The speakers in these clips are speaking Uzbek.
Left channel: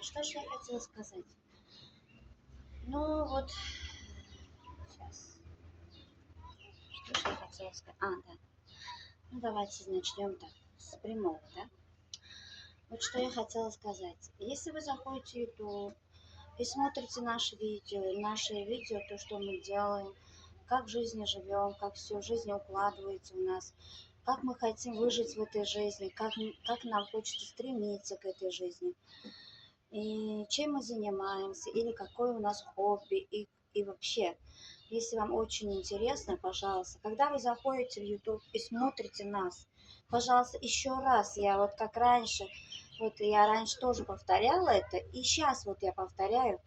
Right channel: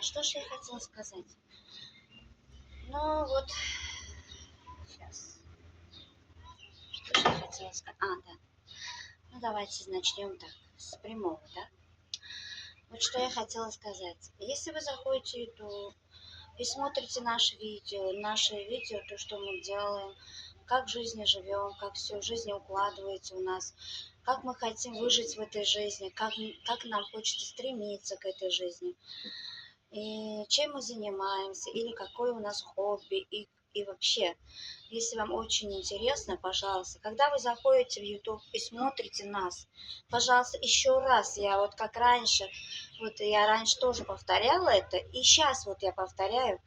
Что же я хотела сказать? Ну вот, сейчас. Что же я хотела сказать? Да. Ну давайте начнем так, с прямого, да? Вот что я хотела сказать. Если вы заходите в YouTube и смотрите наши видео, то, что мы делаем, как в жизни живем, как все в жизни укладывается у нас, как мы хотим выжить в этой жизни, как нам хочется стремиться к этой жизни, и чем мы занимаемся, или какое у нас хобби, и вообще, если вам очень интересно, пожалуйста, когда вы заходите в YouTube и смотрите нас, пожалуйста, еще раз, я вот как раньше, вот я раньше тоже повторяла это, и сейчас вот я повторяю,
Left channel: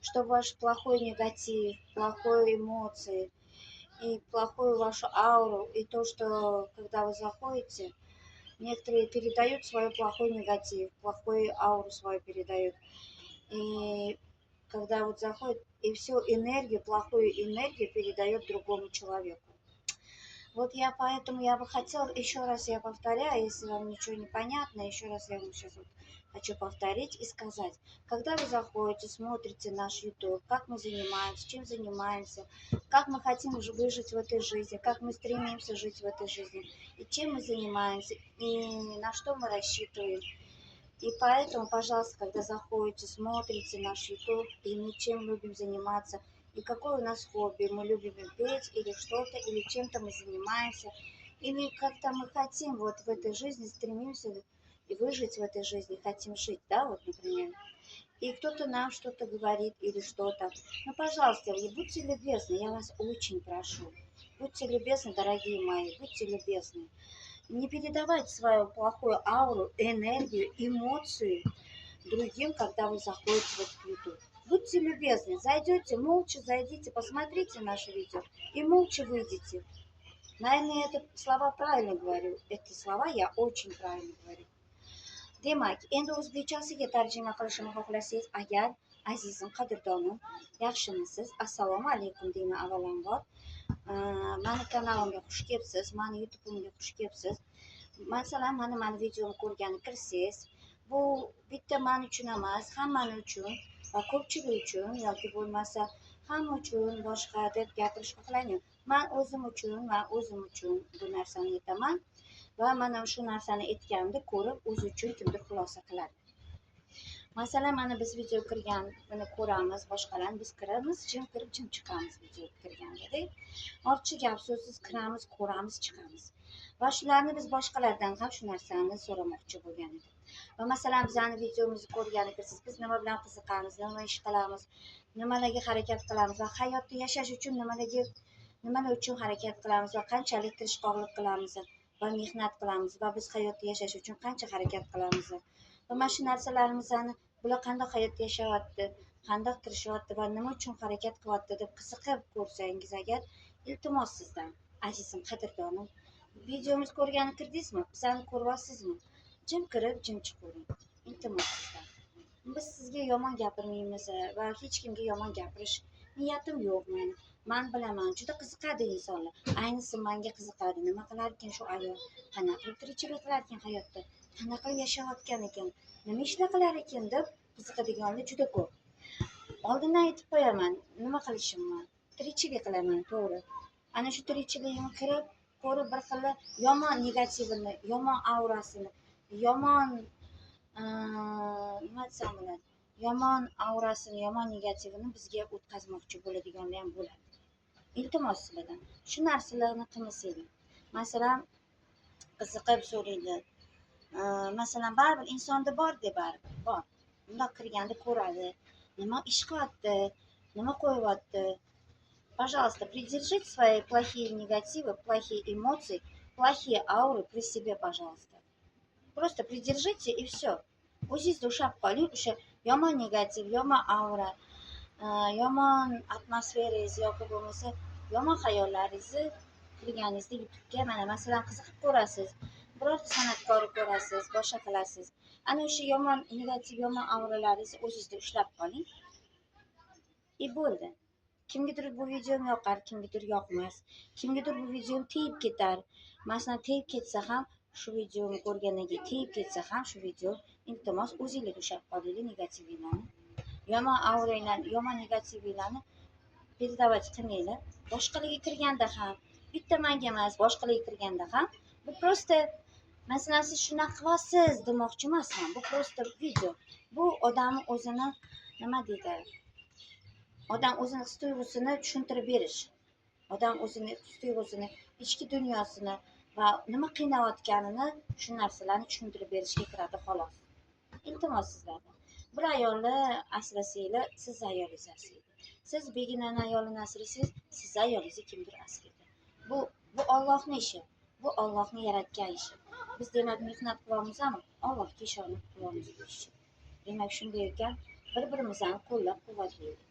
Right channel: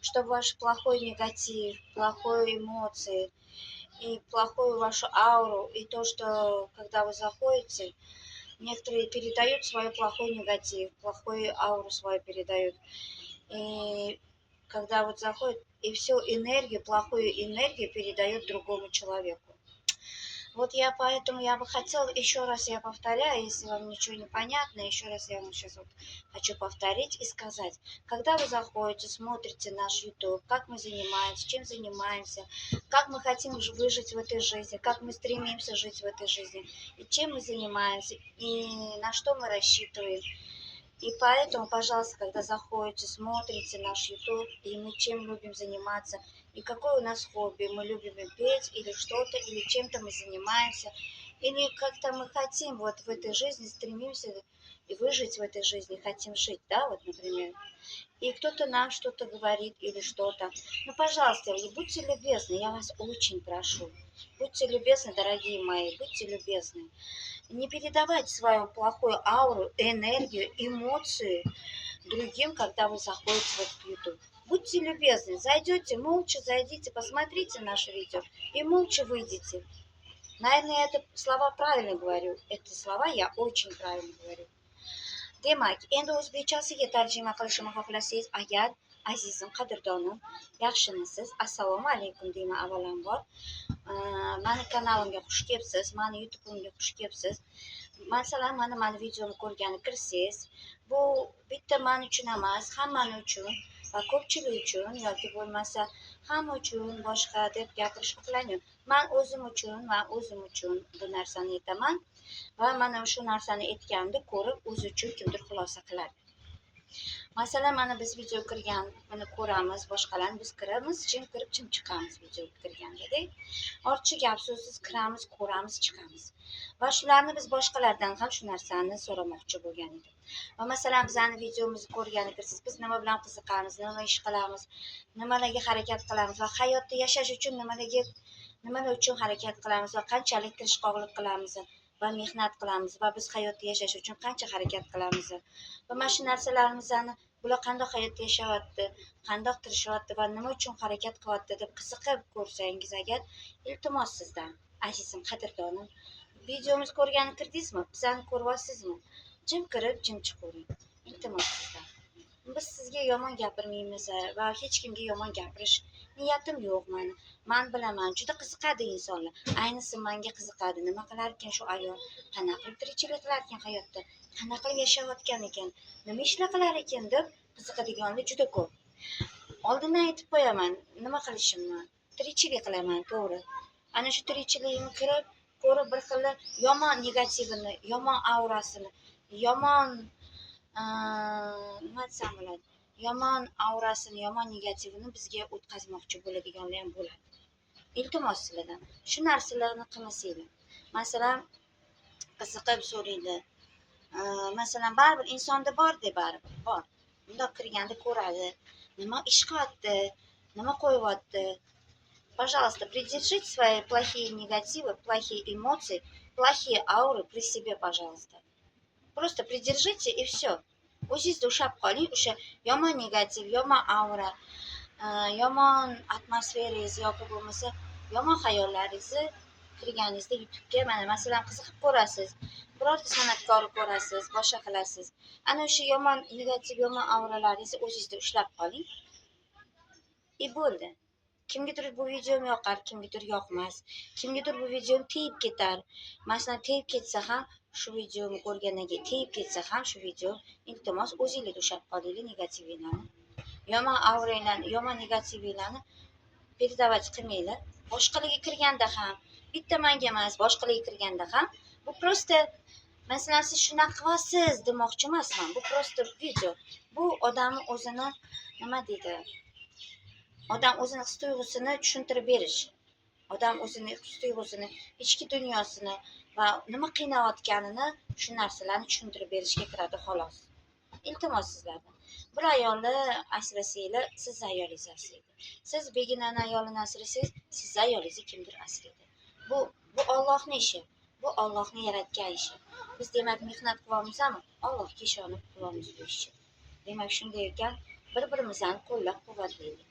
чтобы ваш плохой негатив, плохой эмоции и плохую вашу ауру, и то, что когда вы заходите, некоторые передают свой плохой негатив, плохую ауру свою передают. И когда вот заходит, и всю энергию, плохую энергию передает другому человеку. Вот я бы хотела, еще раз я повторяю, если вам ничего не понятно, еще раз я вам сейчас вот хочу повторить и сказать. Когда вы заходите, смотрите наш YouTube, как мы занимаемся, чем занимаемся, как мы хотим выжить в этой жизни, как мы стремимся жить в этой жизни, и чем мы занимаемся, и на что мы рассчитываем. И поэтому, пожалуйста, когда заходите, смотрите наш YouTube, и мы чем любим заниматься, и какое у нас хобби, мы любим петь или что-то, или чем-то мы занимаемся, или как-то мы хотим вот в этой жизни, стремимся и выжить в этой жизни, хотим жить, да, вот, например. И кто-то нам что-то говорит или что-то. Ну, пожалуйста, и будьте любезны, я вас очень прошу. Будьте любезны, дорогие мои, будьте любезны. Не передавайте свою плохую ауру, энергию, эмоции другим, когда вы заходите в этот YouTube. Будьте любезны, зайдете, молча зайдите, посмотрите наше видео и молча выйдите. Наверное, я это слова правильно говорю. Эти слова я очень правильно говорю. Demak, endi o'zbekchasiga tarjima qilishimni xohlasangiz agar, azizim, qadrdonim, yaxshimisiz? Assalomu alaykum deyman avvalambor. Mani kanalimga xush kelibsiz, mani YouTube'imga xush kelibsiz. Masalan, mani videomni ko'rgani kirsangiz, bu bitta men uchun emas, hammani uchun va ko'pchilik uchun yoki bo'lmasa hamma uchun boshqa deb gapirishni xohlayman. Men o'zim uchun bu narsani aytaman va mana shu narsani aytganimda ko'rib, o'zi uchun kimdir xulosa qiladi. Masalan, mana biz video kirganini ko'ramiz, boshqalarni biz kiramiz, jim kirib, jim chiqamiz video kirganda. Ortiqcha gap so'zsiz kiramiz, ko'ramiz, chiqamiz. Va shularni biz boshqalardan ham shu narsani so'ramoqchi bo'lgan edim. Va masalan, bizani videomizni ko'rgani kirsiz, biz nima bilan qiziqamiz, nima ish qilamiz, nimalarga harakat qilamiz va hayotda yashash uchun nimalar uchun harakat qilamiz va qanchalik tirishqoqlik qilamiz va mehnat qilamiz va biz hayotda yashash uchun qancha harakat qilamiz va mana shu narsalarimizni bular qandoq hayot yashayapti, qandoq tirishyapti va nima uchun harakat qilyapti deb qiziqib ko'rsangiz agar, iltimos sizdan, azizim, qadrdonim, videomiz ko'rgani kirdingizmi, bizani ko'ryapsizmi, jim kirib jim chiqavering, iltimos sizdan. Biz sizga yomon gapirmaymiz va hech kimga yomon gapirish niyatim yo'q mani. Man bilaman, juda qiziqadi insonlar. Ayniqsa menga qiziqadi. Nima qilar ekan shu ayol? Qanaqa qilib tirikchilik qilar ekan hayotda? Qanaqa qilib yashayotgan ekan? Nima ishlar qilar ekan deb qiziqadiganlar juda ko'p. Oldindan aytib qo'yaman, nima qilishimni. Tirikchilik qilaman, to'g'ri. Ana shu tirikchiligimni ko'rib bir xil yomon negativini, yomon aurasini, yomon nima desam bo'ladi, yomon aurasini, yomon negativini bizga o'tkazmoqchi bo'ladiganlar ham bo'ladi. Iltimos sizlardan shu narsalarni qilmasanglar. Masalan, qiziqib so'raydi. Masalan, baribir insonda bor-da, baribir bor. Bundoq kirganda ko'radi, nima ish qilyapti, nima qo'yyapti. Пожалуйста, придержите свои плохие негативы, плохие эмоции, плохие ауры при себе, пожалуйста. Просто придержите и все. O'zingizda ushlab qoling, o'sha yomon negativ, yomon aura, yomon atmosferangiz yoki bo'lmasa yomon xayollaringizni kirganingizda YouTube'ga mana masalan qiziqib ko'rasiz. birorta san'atkorni ko'rasiz, boshqa qilasiz. Ana o'sha yomon, negativ, yomon auralaringizni o'zingizda ushlab qoling. Bo'ldi. Kimgadir bu videom yoqar, kimgadir yoqmas. Kimgadir bu videom tegib ketar. Masalan, tegib ketsa ham, shu videoni ko'rgandan keyin tegib ketsa ham, shu video iltimos o'zingizda ushlab qolinglar negativlarni. Yomon auranglarni, yomon negativlarni передавать qilmanglar. Boshqalarga kirganda ham, bitta menga emas, boshqalarga kirganda ham bu просто masalan siz shunaqa qilyapsiz demoqchi emasman. Bu просто video. Bu odamni o'zini nima deydi? Odam o'zini his-tuyg'usini tushuntirib berish. Odam o'zini his-tuyg'usini, ichki dunyosini va nima qiynayotganini shu narsalarni tushuntirib berishga kiradi xolos. Iltimos sizlardan. Bir ayolni asrasanglar, siz ayolingiz asraydi. Siz beginani ayolini asrasangiz, siz ayolingizni kimdir asraydi. Bu Allohning ishi. Bu Allohning yaratgan ishi. Biz demak mehnat qilyapmizmi? Allohga ishonib qilyapmiz bu ishni. Demak shunday ekan, bir-birimizni qo'llab-quvvatlaylik.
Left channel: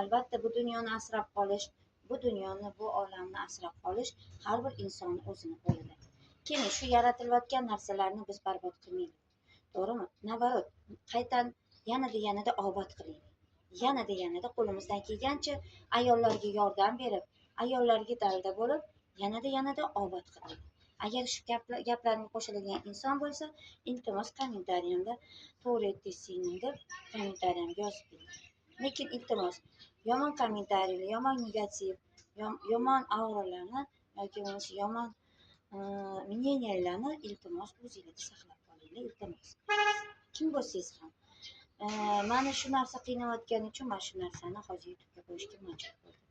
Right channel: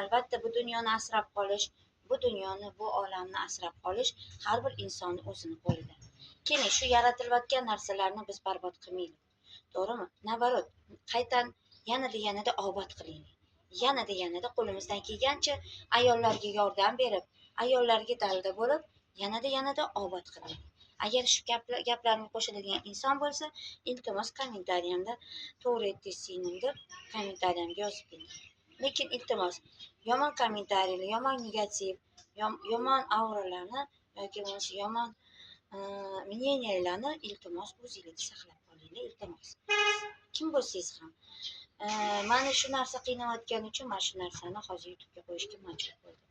Albatta bu dunyoni asrab qolish, bu dunyoni, bu olamni asrab qolish har bir insonning o'zini qo'lida. Keling, shu yaratilayotgan narsalarni biz barbod qilmaylik. To'g'rimi? Navarot, qaytan yanada obod qilaylik. Yanada qo'limizdan kelgancha ayollarga yordam berib, ayollarga dalda bo'lib, yanada obod qilaylik. Agar shu gaplarga qo'shiladigan inson bo'lsa, iltimos kommentariyamda to'g'ri aytdingizmi deb kommentariyamga yozib qo'ying. Lekin iltimos yomon kommentariylar, yomon negativ, yomon auralarni yoki bo'lmasa yomon мнениyalarni iltimos o'zingizga saqlab qolinglar, iltimos. Kim bo'lsangiz ham. Mani shu narsa qiynayotgani uchun men shu narsani hozir YouTube'ga qo'yishga majbur bo'ldim.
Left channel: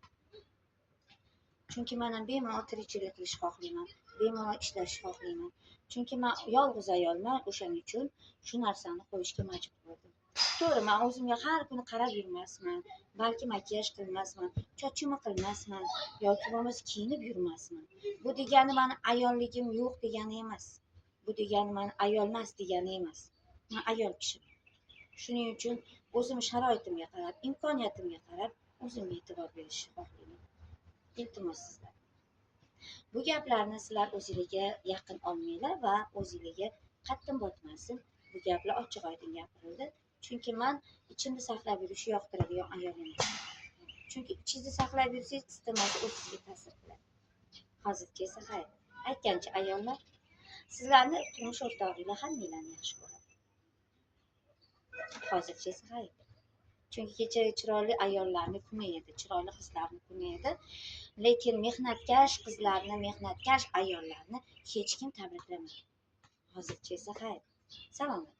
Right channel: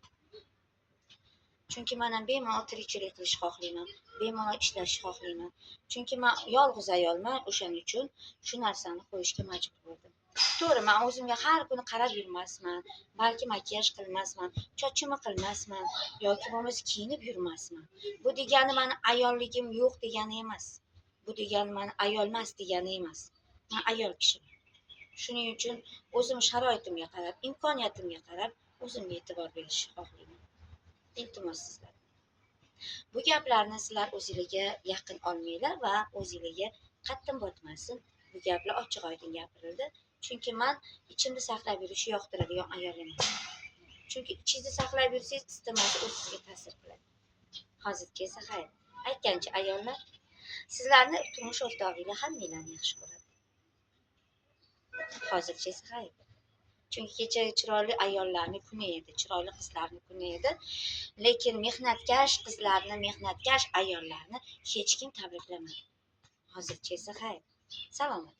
Chunki men ham bemalol tirikchilik qilishni xohlayman, bemalol ishlashni xohlayman. Chunki men yolg'iz ayolman, o'shaning uchun shu narsani qo'yishga majbur bo'ldim. To'g'ri, men o'zimga har kuni qarab yurmasman, balki makiyaj qilmasman, chochimni qilmasman yoki bo'lmasa kiyinib yurmasman. Bu degani meni ayolligim yo'q degani emas. Bu degani meni ayolmas degani emas. Men ayol kishiman. Shuning uchun o'zim sharoitimga qarab, imkoniyatimga qarab o'zimga e'tibor berishni xohlayman. Iltimos sizlar. Bu gaplarni sizlar o'zingizga yaqin olmanglar va o'zingizga qattim botmasin. Bu gaplar ochiq-oydin gapirildi. Chunki men ichimda saqlab yurishni yoqtiradigan ayol emas. Chunki ichingizda saqlab yursangiz, istamasi o'z sizga ta'sir qiladi. Hozircha esa xayr. Aytgancha ayollar, sizlarni turmush o'rtog'inglar hammanglarni yaxshi ko'radi. Hozircha esa xayr. Chunki kecha chiroyli ayollarni kuni edi, chiroyli qizlarni kuni edi. Lekin mehnatkash qizlarni, mehnatkash ayollarni hech kim tabriklamadi. Hozircha esa xayr. Salomat.